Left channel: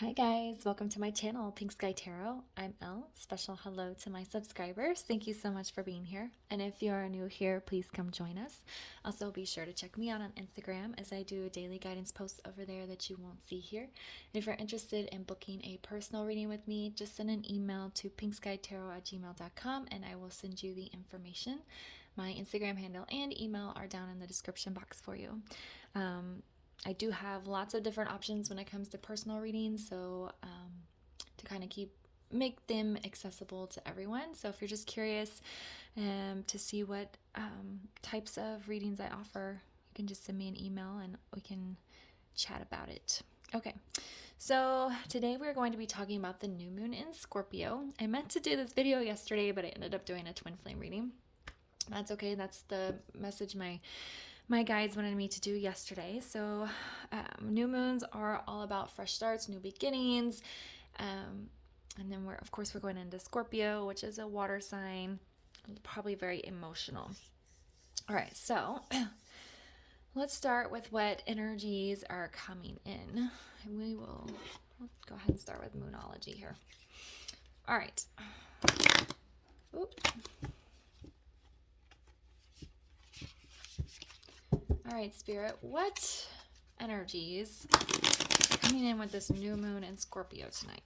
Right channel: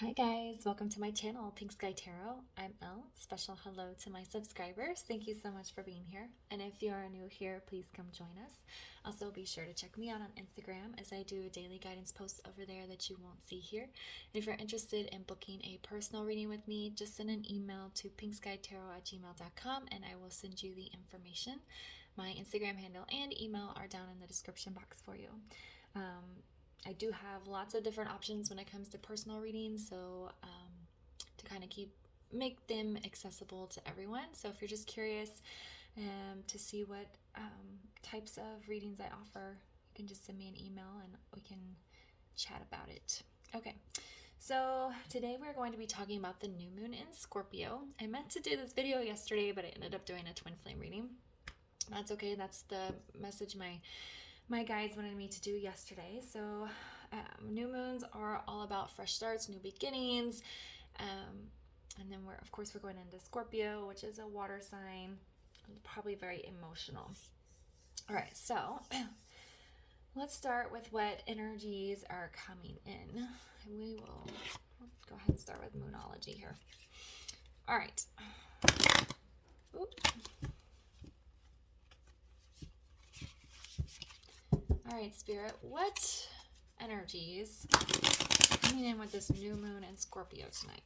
Hi guys, welcome to my channel, Pink Sky Tarot. I'm Elle. Special hello to my subscribers. Thank you so much for being here. And if you are new here, please come join us. Also, be sure to check me out on Instagram as I do daily guidance posts over there that you won't see here. And if you're interested in booking a personal reading with me, just send an email to pinkskytarot@gmail.com and I will send you the information. My Instagram handle and email are down in the description box for you. I do have lots of different options when it comes to personal readings, so to kind of make them accessible to everyone. So if you're just curious to see what types of readings I offer, you can just send me an email and we can chat about it. Okay, so today we're going to be talking about the new moon in Scorpio. I meant to do this video yesterday, but I ended up doing a twin flame reading. That's okay. That's the message my guides wanted me to do yesterday. So new moons are all about fresh starts, new beginnings, and then we're going into Scorpio, which is a water sign, probably very emotional. All right, so let's start with what energies are coming in. And let's go ahead and start with moonology here. All right. Oop. All right, Spirit, what energies are coming in with this new moon in Scorpio tonight?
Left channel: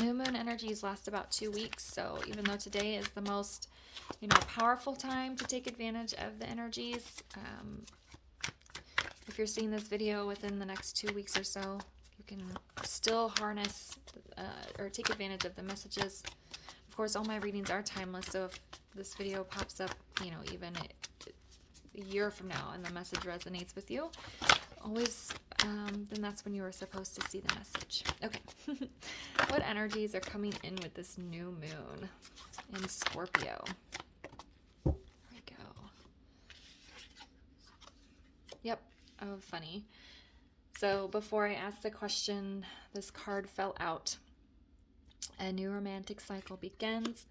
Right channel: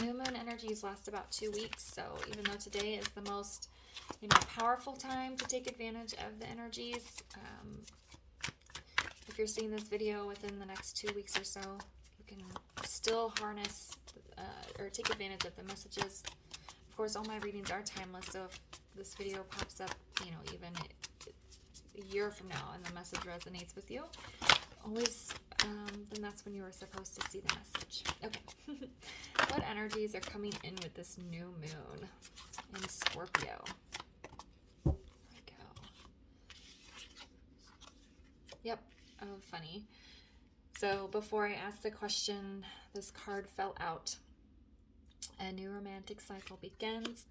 New moon energies last about 2 weeks, so even though today is the most, powerful time to take advantage of the energies, if you're seeing this video within the next 2 weeks or so, you can still harness or take advantage of the messages. Of course, all my readings are timeless, so if this video pops up, even a year from now and the message resonates with you, always then that's when you were supposed to see the message. Okay. What energies are coming in with this new moon in Scorpio? There we go. Yep. Oh, funny. So before I asked the question, this card fell out. A new romantic cycle begins.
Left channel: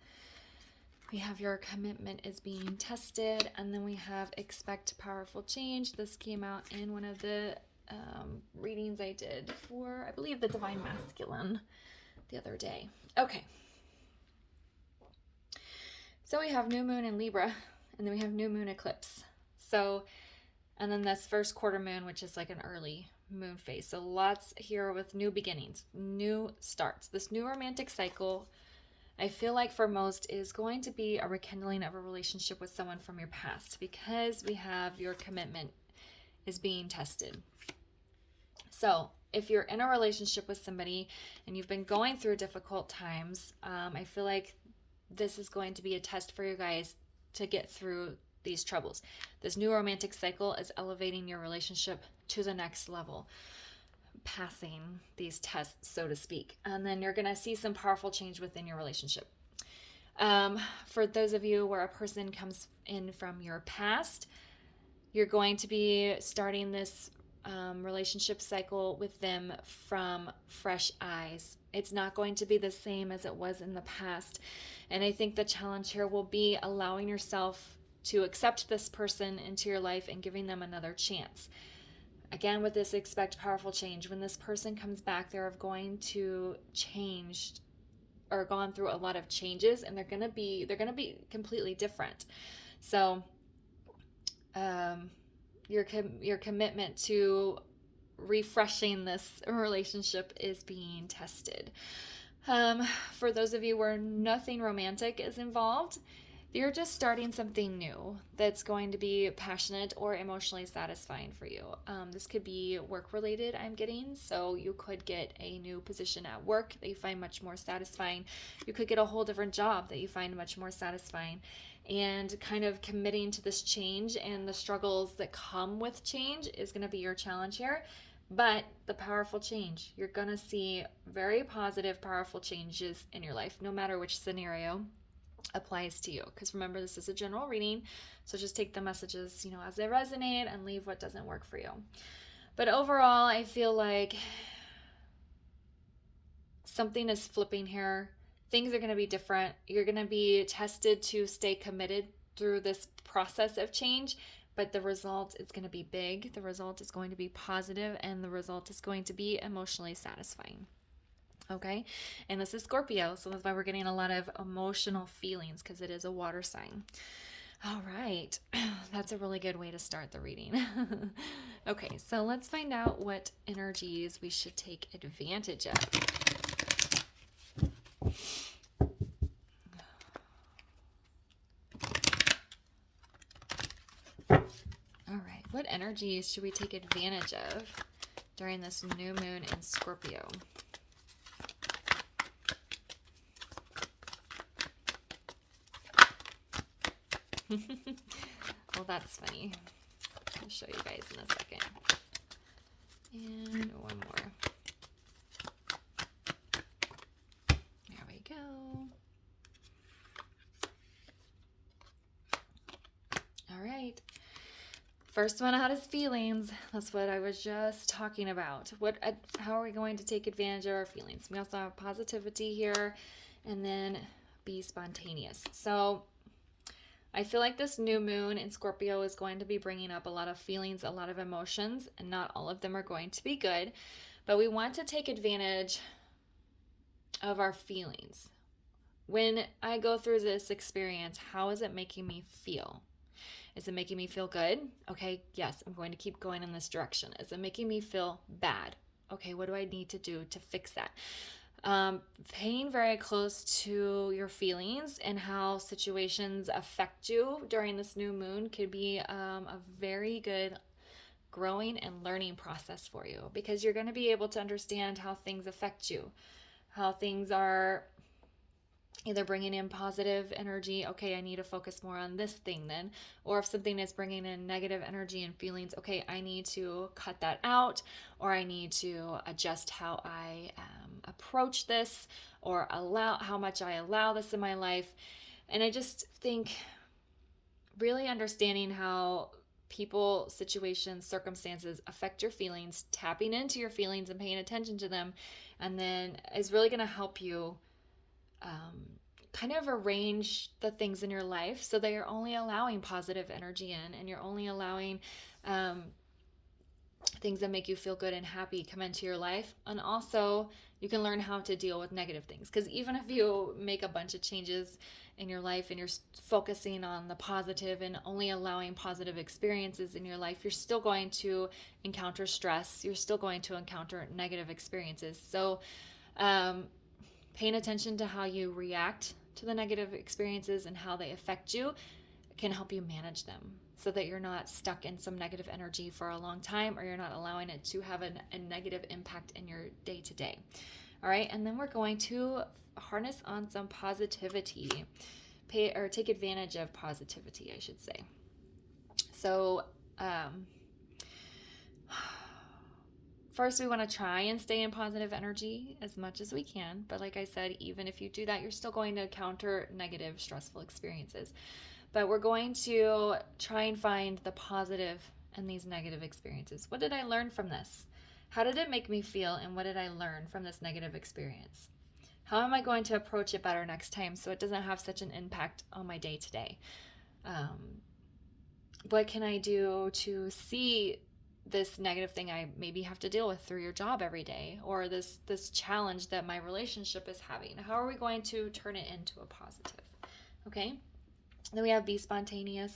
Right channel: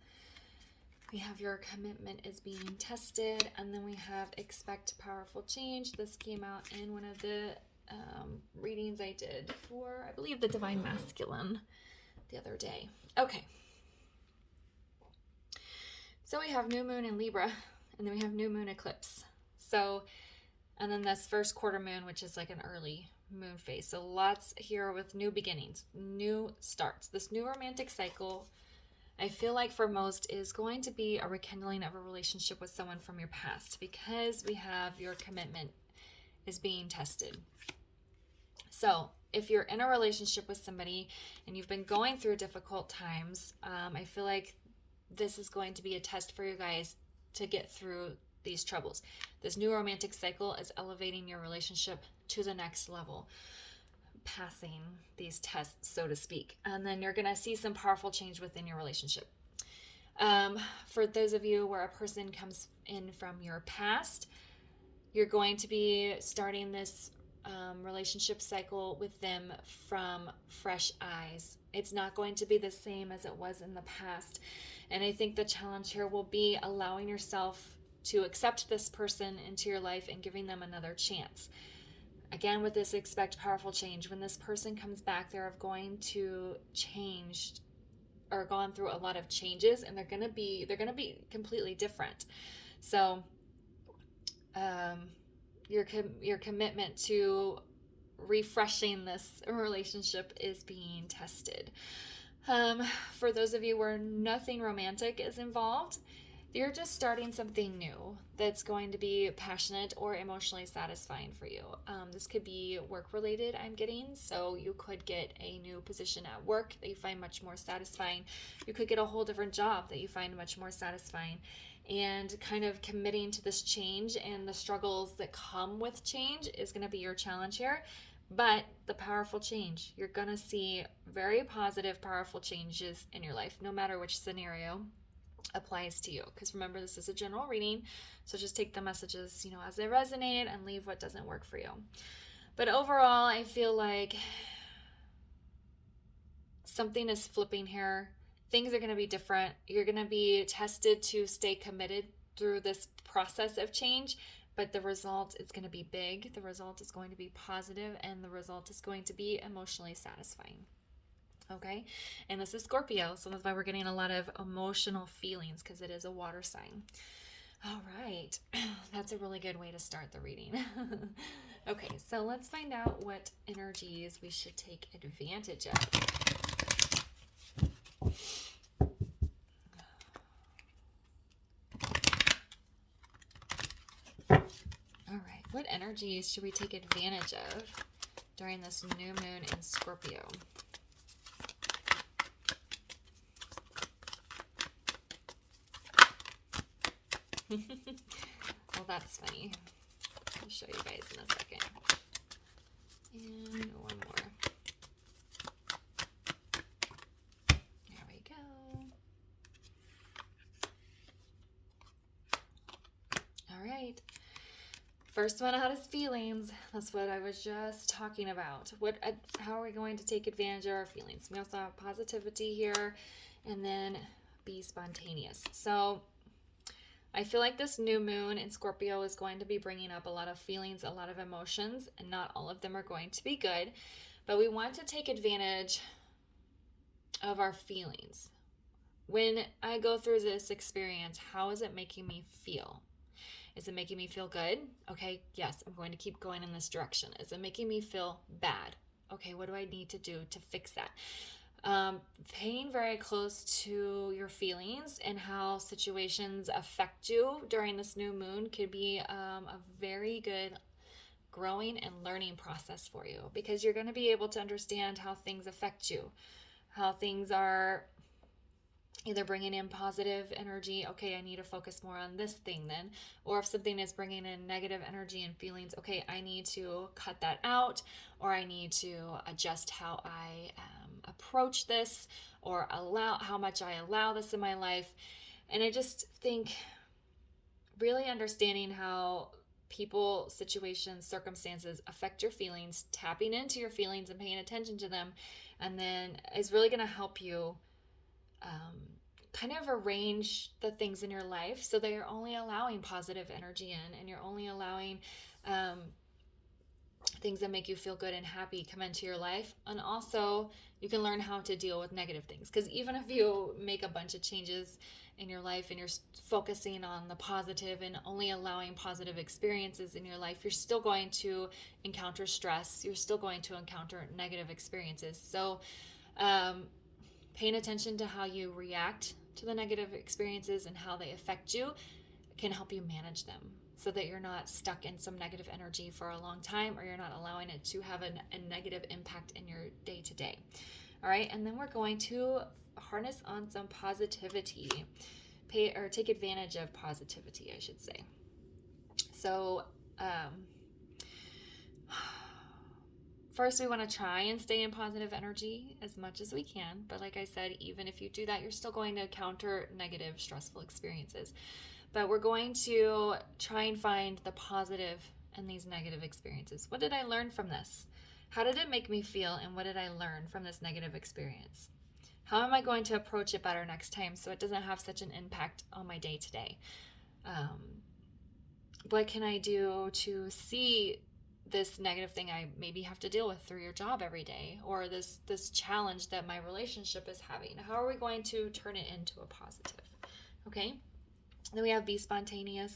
We have your commitment is being tested, and then we have expect powerful change. This came out in one of the readings I did for, I believe, the Divine Masculine the other day. Okay. So we have new moon in Libra, and then we have new moon eclipse. So, and then this first quarter moon, which is like an early moon phase. So lots here with new beginnings, new starts. This new romantic cycle, I feel like for most, is going to be a rekindling of a relationship with someone from your past, because we have your commitment is being tested. So if you're in a relationship with somebody and you've been going through difficult times, I feel like this is going to be a test for you guys to get through these troubles. This new romantic cycle is elevating your relationship to the next level, passing these tests, so to speak, and then you're going to see some powerful change within your relationship. For those of you where a person comes in from your past, you're going to be starting this relationship cycle with them from fresh eyes. It's not going to be the same as it was in the past, and I think the challenge here will be allowing yourself to accept this person into your life and giving them another chance. Again, with this expect powerful change, when this person comes back, they're going to change or gone through a lot of changes, and they're going to be completely different. So your commitment to refreshing this relationship is being tested. For those of you where nothing romantic is involved, you're just starting something new that's going to be passionate or emotionally satisfying for you. This could be work related, I'm getting. So you could get a new position at work that you find much more satisfying. You could get a whole different job that you find much more satisfying. And kind of committing to this change and the struggles that come with change is going to be your challenge here. But the powerful change, you're going to see very positive, powerful changes in your life, no matter which scenario applies to you. Because remember, this is a general reading, so just take the messages, as they resonate, and leave what doesn't work for you. But overall, I feel like something is flipping here. Things are going to be different. You're going to be tested to stay committed through this process of change, but the result is going to be big. The result is going to be positive, and the result is going to be emotionally satisfying. Okay, and this is Scorpio, so that's why we're getting a lot of emotional feelings, because it is a water sign. All right, that's a really good way to start the reading. Okay, so let's find out what energies we should take advantage of. All right, what energies should we take advantage of during this new moon in Scorpio? Well, that's funny. I'll show you guys in a second. And one more. There we go. All right. First one out is feelings. That's what I was just talking about. How are we going to take advantage of our feelings? We also have positivity here, and then be spontaneous. So I feel like this new moon in Scorpio is going to be bringing up a lot of feelings, a lot of emotions, and not all of them are going to be good. But we want to take advantage of our feelings. When I go through this experience, how is it making me feel? Is it making me feel good? Okay, yes, I'm going to keep going in this direction. Is it making me feel bad? Okay, what do I need to do to fix that? Paying very close to your feelings and how situations affect you during this new moon could be a very good growing and learning process for you, because you're going to be able to understand how things affect you, how things are either bringing in positive energy. Okay, I need to focus more on this thing then. Or if something is bringing in negative energy and feelings, okay, I need to cut that out, or I need to adjust how I approach this, or allow how much I allow this in my life. And I just think really understanding how people, situations, circumstances affect your feelings, tapping into your feelings and paying attention to them, and then is really going to help you kind of arrange the things in your life so that you're only allowing positive energy in, and you're only allowing things that make you feel good and happy come into your life. And also you can learn how to deal with negative things, because even if you make a bunch of changes in your life and you're focusing on the positive and only allowing positive experiences in your life, you're still going to encounter stress. You're still going to encounter negative experiences. So paying attention to how you react to the negative experiences and how they affect you can help you manage them, so that you're not stuck in some negative energy for a long time, or you're not allowing it to have a negative impact in your day-to-day. All right, and then we're going to harness on some positivity, take advantage of positivity, I should say. So first, we want to try and stay in positive energy as much as we can. But like I said, even if you do that, you're still going to encounter negative, stressful experiences. But we're going to try and find the positive in these negative experiences. What did I learn from this? How did it make me feel? And what did I learn from this negative experience? How am I going to approach it better next time so it doesn't have such an impact on my day-to-day? What can I do to see this negative thing I maybe have to deal with through your job every day, or this challenge that my relationship is having? How are we going to turn it into a positive? Okay. Then we have be spontaneous.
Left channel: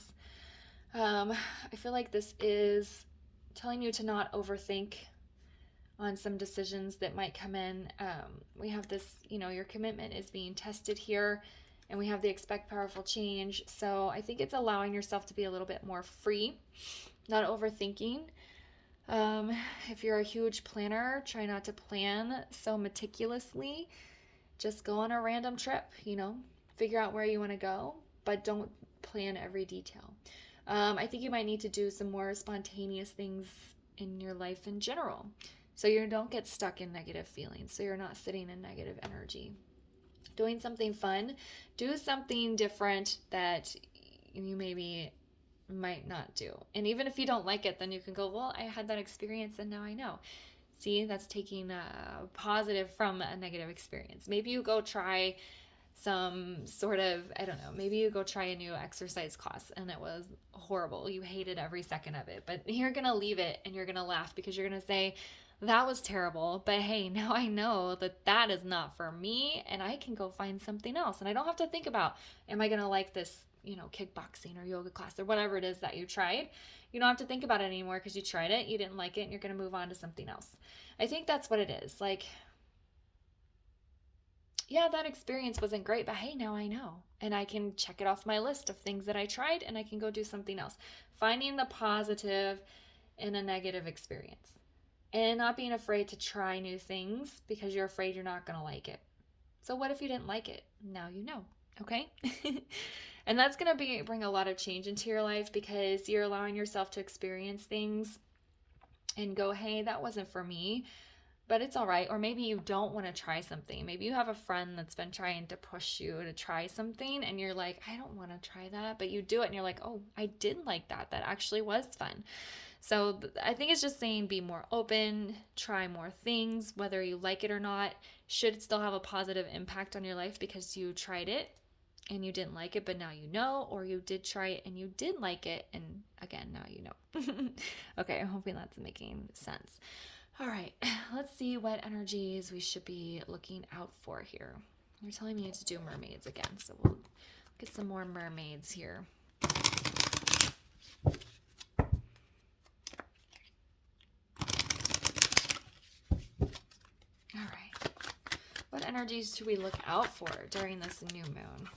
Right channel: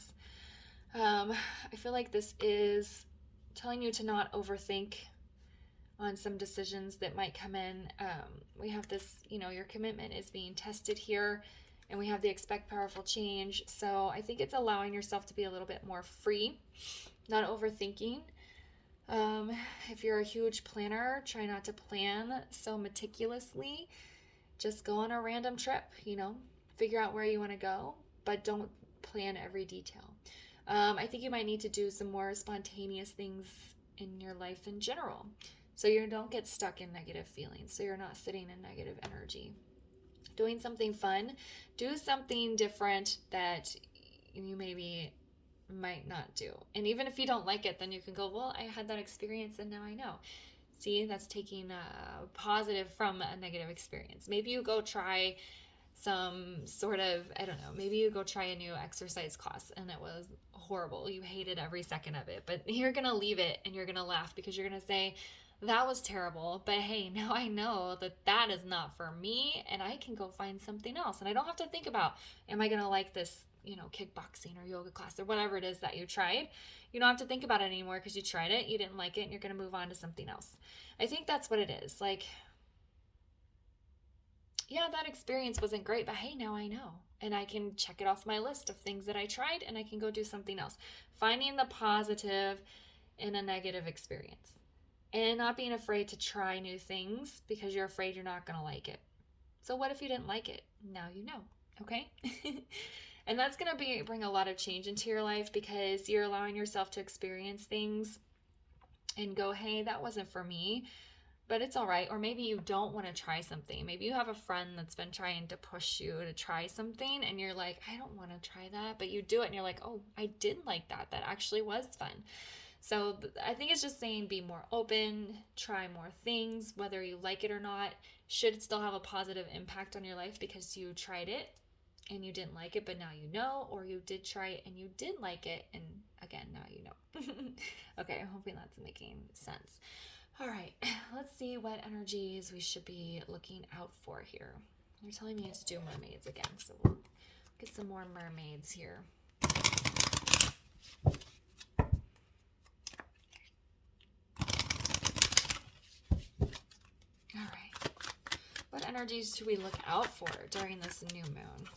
I feel like this is telling you to not overthink on some decisions that might come in. We have this, your commitment is being tested here, and we have the expect powerful change. So I think it's allowing yourself to be a little bit more free, not overthinking. If you're a huge planner, try not to plan so meticulously. Just go on a random trip, figure out where you want to go, but don't plan every detail. I think you might need to do some more spontaneous things in your life in general, so you don't get stuck in negative feelings, so you're not sitting in negative energy. Doing something fun, do something different that you maybe might not do. And even if you don't like it, then you can go, well, I had that experience and now I know. See, that's taking a positive from a negative experience. Maybe you go try some sort of, I don't know, maybe you go try a new exercise class and it was horrible. You hated every second of it, but you're going to leave it and you're going to laugh because you're going to say, that was terrible, but hey, now I know that that is not for me and I can go find something else. And I don't have to think about, am I going to like this, kickboxing or yoga class or whatever it is that you tried. You don't have to think about it anymore because you tried it, you didn't like it, and you're going to move on to something else. I think that's what it is. Like, yeah, that experience wasn't great, but hey, now I know. And I can check it off my list of things that I tried and I can go do something else. Finding the positive in a negative experience and not being afraid to try new things because you're afraid you're not going to like it. So what if you didn't like it? Now you know, okay? And that's going to bring a lot of change into your life because you're allowing yourself to experience things and go, hey, that wasn't for me, but it's all right. Or maybe you don't want to try something. Maybe you have a friend that's been trying to push you to try something and you're like, I don't want to try that, but you do it and you're like, oh, I did like that. That actually was fun. So I think it's just saying be more open, try more things, whether you like it or not, should still have a positive impact on your life because you tried it and you didn't like it, but now you know, or you did try it and you did like it, and again, now you know. Okay, I'm hoping that's making sense. All right, let's see what energies we should be looking out for here. They're telling me to do mermaids again, so we'll get some more mermaids here. All right, what energies should we look out for during this new moon?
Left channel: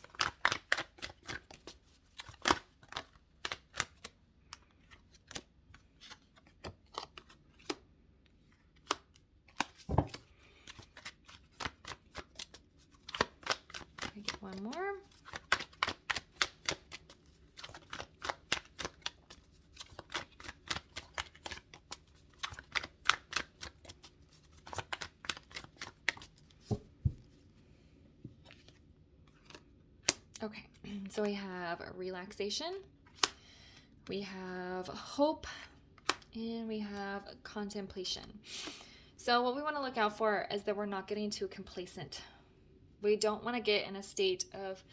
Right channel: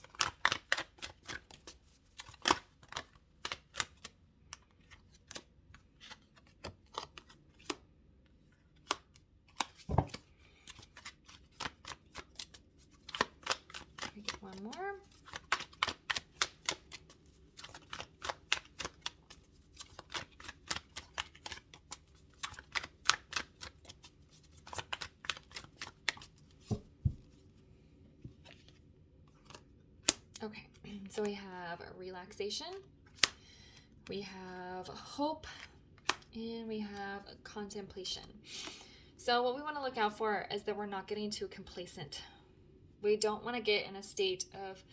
One more. Okay, so we have relaxation, we have hope, and we have contemplation. So what we want to look out for is that we're not getting too complacent. We don't want to get in a state of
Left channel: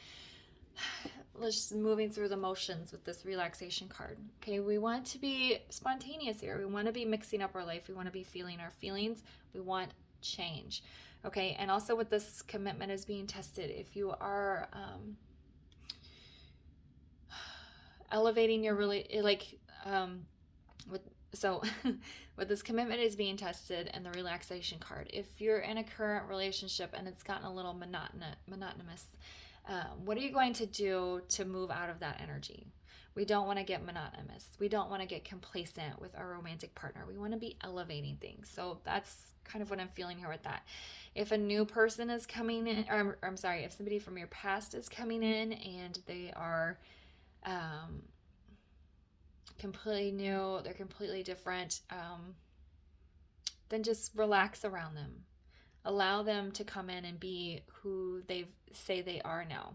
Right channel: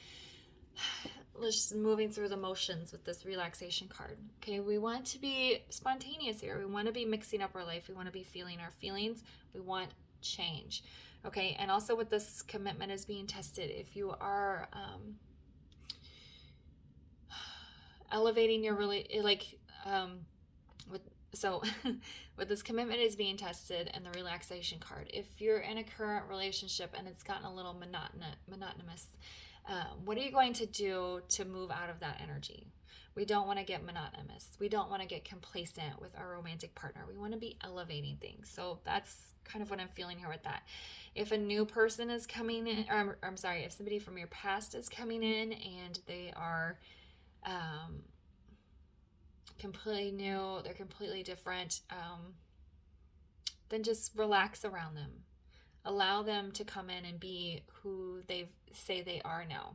just moving through the motions with this relaxation card. Okay, we want to be spontaneous here. We want to be mixing up our life. We want to be feeling our feelings. We want change. Okay, and also with this commitment is being tested. If you are elevating your with this commitment is being tested and the relaxation card, if you're in a current relationship and it's gotten a little monotonous, what are you going to do to move out of that energy? We don't want to get monotonous. We don't want to get complacent with our romantic partner. We want to be elevating things. So that's kind of what I'm feeling here with that. If a new person is coming in, or I'm sorry, if somebody from your past is coming in and they are completely new, they're completely different, then just relax around them. Allow them to come in and be who they say they are now.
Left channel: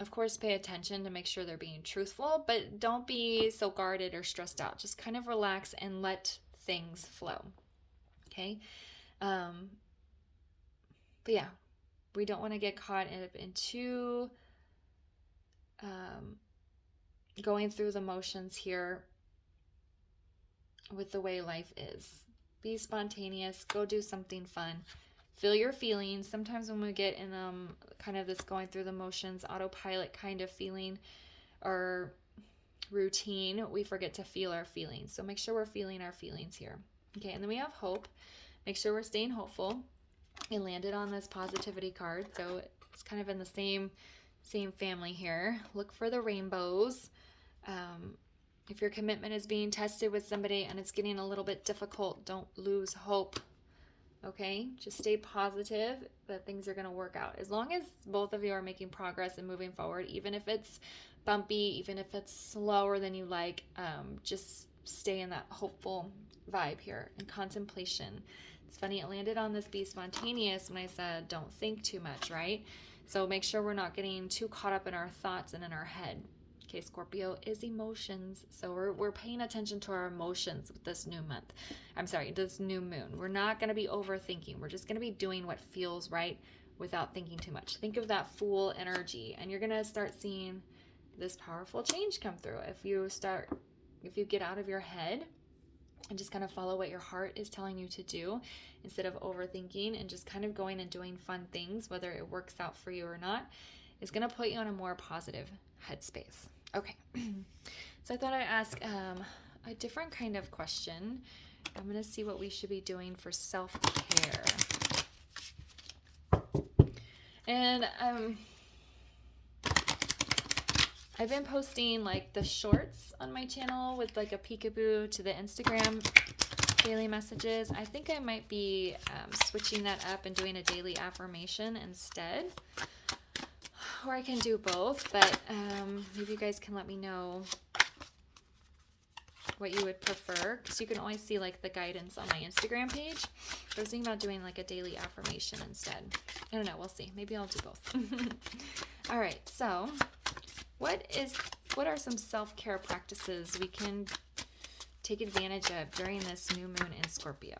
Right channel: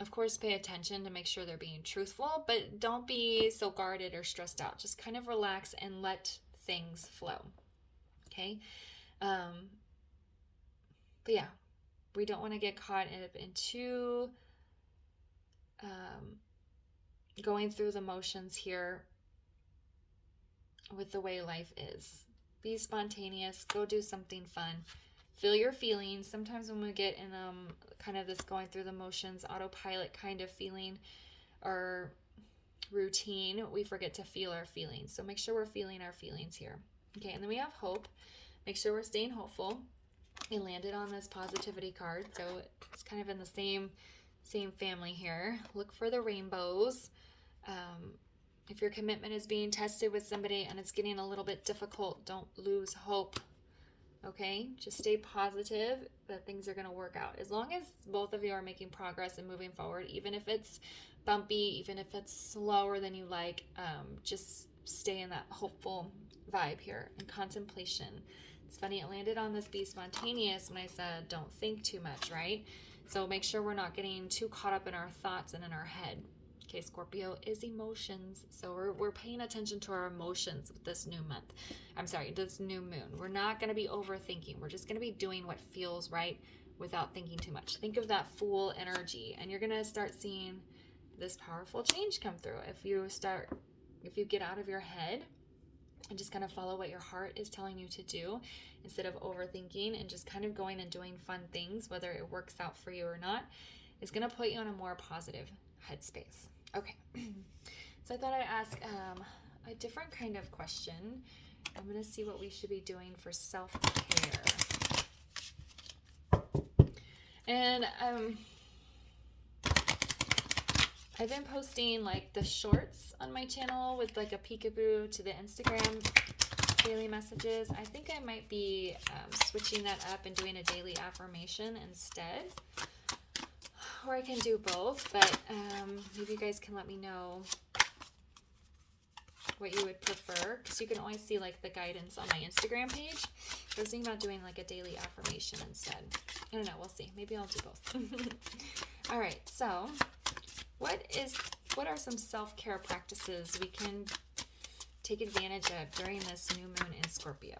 Of course, pay attention to make sure they're being truthful, but don't be so guarded or stressed out. Just kind of relax and let things flow. Okay? But yeah, we don't want to get caught into going through the motions here with the way life is. Be spontaneous, go do something fun, feel your feelings. Sometimes when we get in kind of this going through the motions, autopilot kind of feeling or routine, we forget to feel our feelings. So make sure we're feeling our feelings here. Okay, and then we have hope. Make sure we're staying hopeful. It landed on this positivity card, so it's kind of in the same family here. Look for the rainbows. If your commitment is being tested with somebody and it's getting a little bit difficult, don't lose hope. Okay? Just stay positive that things are going to work out. As long as both of you are making progress and moving forward, even if it's bumpy, even if it's slower than you like, just stay in that hopeful vibe here. And contemplation. It's funny, it landed on this be spontaneous when I said don't think too much, right? So make sure we're not getting too caught up in our thoughts and in our head. Okay, Scorpio is emotions. So we're paying attention to our emotions with this new month. I'm sorry, this new moon. We're not going to be overthinking. We're just going to be doing what feels right without thinking too much. Think of that Fool energy, and you're going to start seeing this powerful change come through. If you get out of your head and just kind of follow what your heart is telling you to do instead of overthinking and just kind of going and doing fun things, whether it works out for you or not, is going to put you on a more positive headspace. Okay. So I thought I'd ask a different kind of question. I'm going to see what we should be doing for self-care. And I've been posting like the shorts on my channel with like a peekaboo to the Instagram daily messages. I think I might be switching that up and doing a daily affirmation instead. Or I can do both, but maybe you guys can let me know what you would prefer, because you can always see like the guidance on my Instagram page. I was thinking about doing like a daily affirmation instead. I don't know, we'll see. Maybe I'll do both. All right, so what are some self-care practices we can take advantage of during this new moon in Scorpio?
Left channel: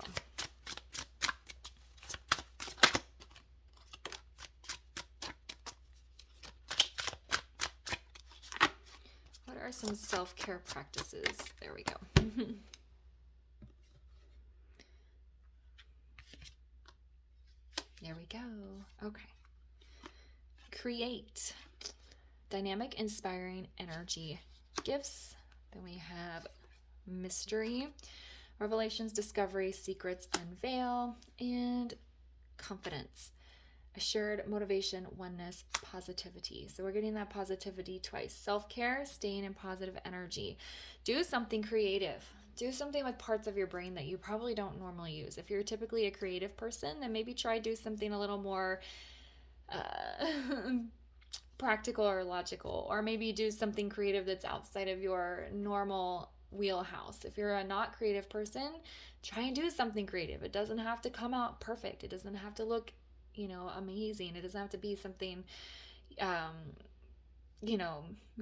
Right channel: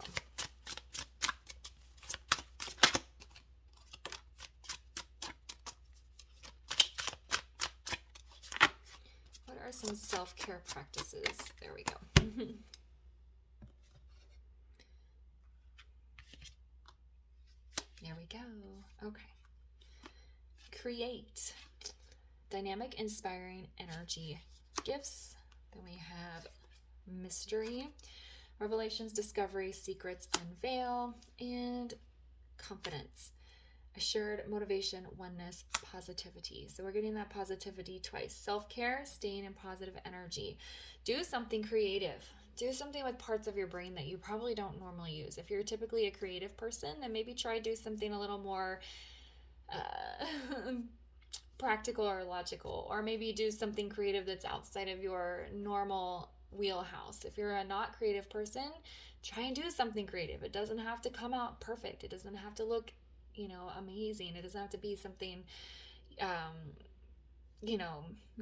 What are some self-care practices? There we go. There we go. Okay. Create. Dynamic, inspiring energy gifts. Then we have mystery, revelations, discovery, secrets, unveil, and confidence. Assured motivation, oneness, positivity. So we're getting that positivity twice. Self-care, staying in positive energy. Do something creative. Do something with parts of your brain that you probably don't normally use. If you're typically a creative person, then maybe try do something a little more practical or logical, or maybe do something creative that's outside of your normal wheelhouse. If you're a not creative person, try and do something creative. It doesn't have to come out perfect. It doesn't have to look, amazing. It doesn't have to be something,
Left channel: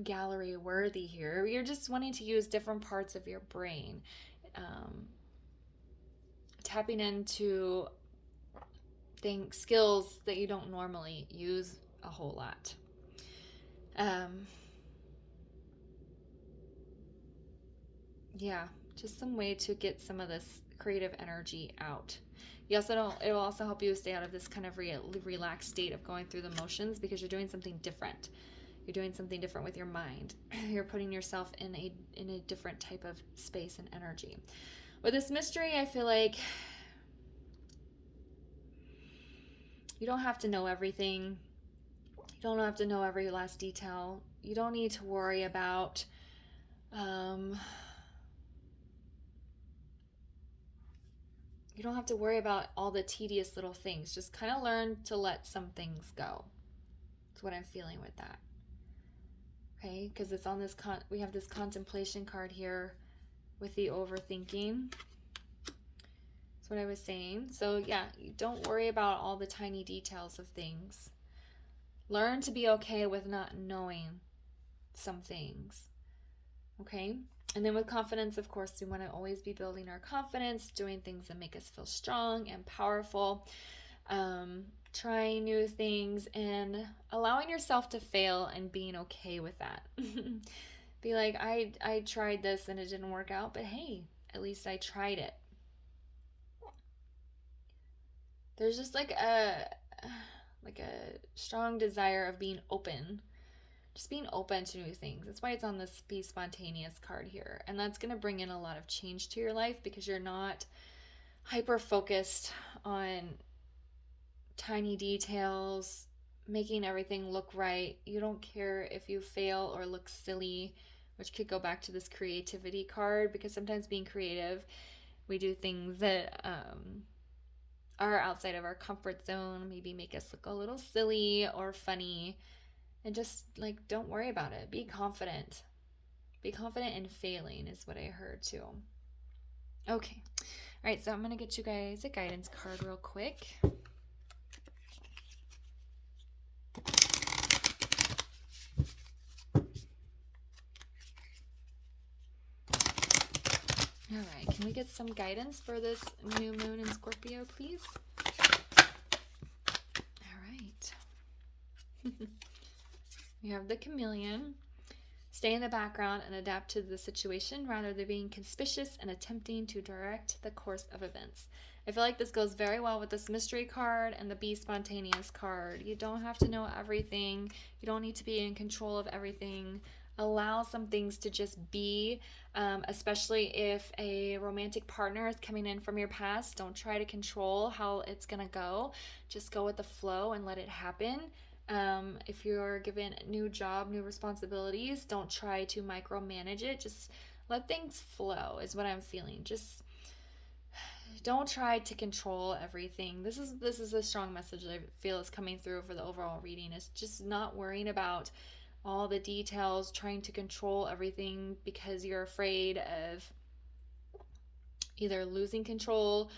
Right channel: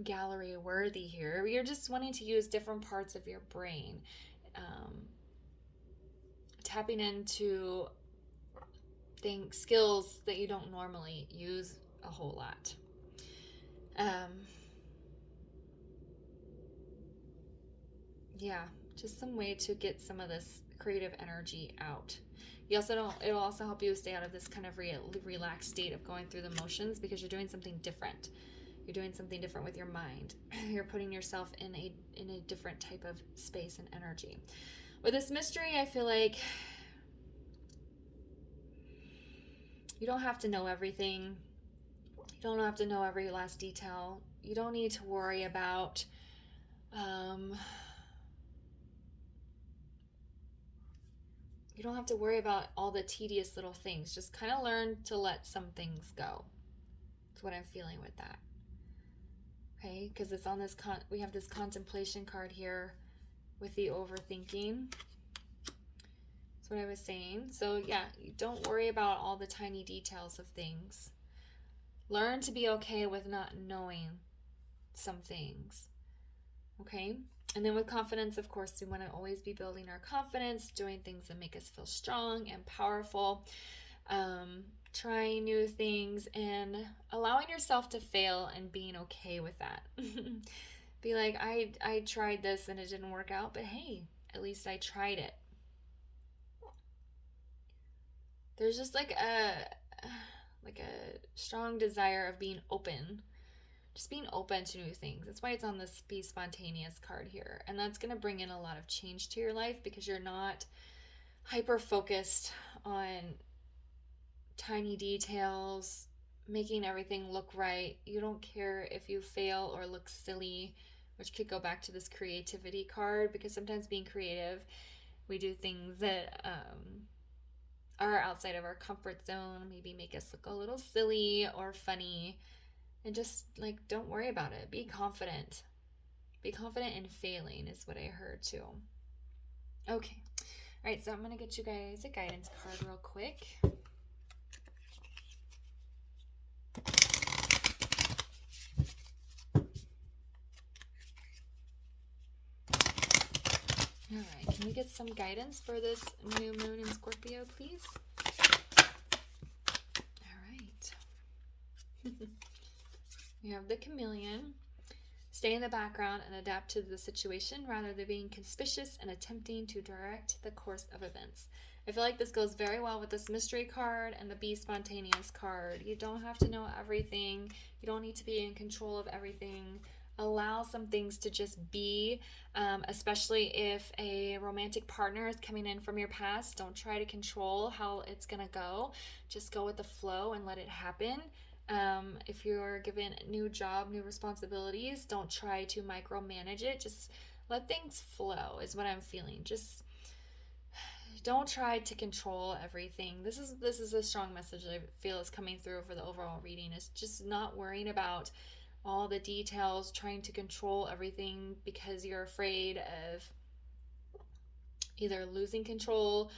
gallery worthy here. You're just wanting to use different parts of your brain, tapping into skills that you don't normally use a whole lot. Just some way to get some of this creative energy out. It'll also help you stay out of this kind of relaxed state of going through the motions, because you're doing something different. You're doing something different with your mind. You're putting yourself in a different type of space and energy. With this mystery, I feel like you don't have to know everything. You don't have to know every last detail. You don't need to worry about you don't have to worry about all the tedious little things. Just kind of learn to let some things go. That's what I'm feeling with that. Okay, because it's on this we have this contemplation card here with the overthinking. That's what I was saying. So yeah, don't worry about all the tiny details of things. Learn to be okay with not knowing some things. Okay? And then with confidence, of course, we want to always be building our confidence, doing things that make us feel strong and powerful, trying new things, and allowing yourself to fail and being okay with that. Be like, I tried this and it didn't work out, but hey, at least I tried it. There's just like a strong desire of being open. Just being open to new things. That's why it's on this Be Spontaneous card here. And that's going to bring in a lot of change to your life, because you're not hyper-focused on tiny details, making everything look right. You don't care if you fail or look silly, which could go back to this creativity card, because sometimes being creative, we do things that are outside of our comfort zone, maybe make us look a little silly or funny. And just don't worry about it. Be confident. Be confident in failing is what I heard too. Okay. All right. So I'm going to get you guys a guidance card real quick. All right. Can we get some guidance for this new moon in Scorpio, please? All right. We have the chameleon. Stay in the background and adapt to the situation rather than being conspicuous and attempting to direct the course of events. I feel like this goes very well with this mystery card and the be spontaneous card. You don't have to know everything. You don't need to be in control of everything. Allow some things to just be, especially if a romantic partner is coming in from your past. Don't try to control how it's going to go. Just go with the flow and let it happen. If you're given a new job, new responsibilities, don't try to micromanage it. Just let things flow, is what I'm feeling. Just don't try to control everything. This is a strong message I feel is coming through for the overall reading. It's just not worrying about all the details, trying to control everything because you're afraid of either losing control,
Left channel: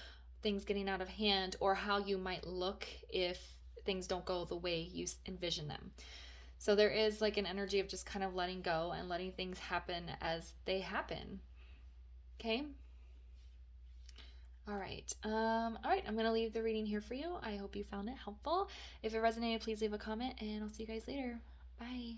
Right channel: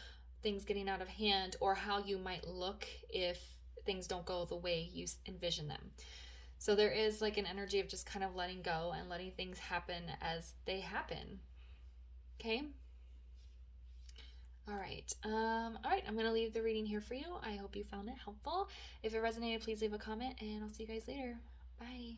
things getting out of hand, or how you might look if things don't go the way you envision them. So there is like an energy of just kind of letting go and letting things happen as they happen. Okay? All right. I'm going to leave the reading here for you. I hope you found it helpful. If it resonated, please leave a comment, and I'll see you guys later. Bye.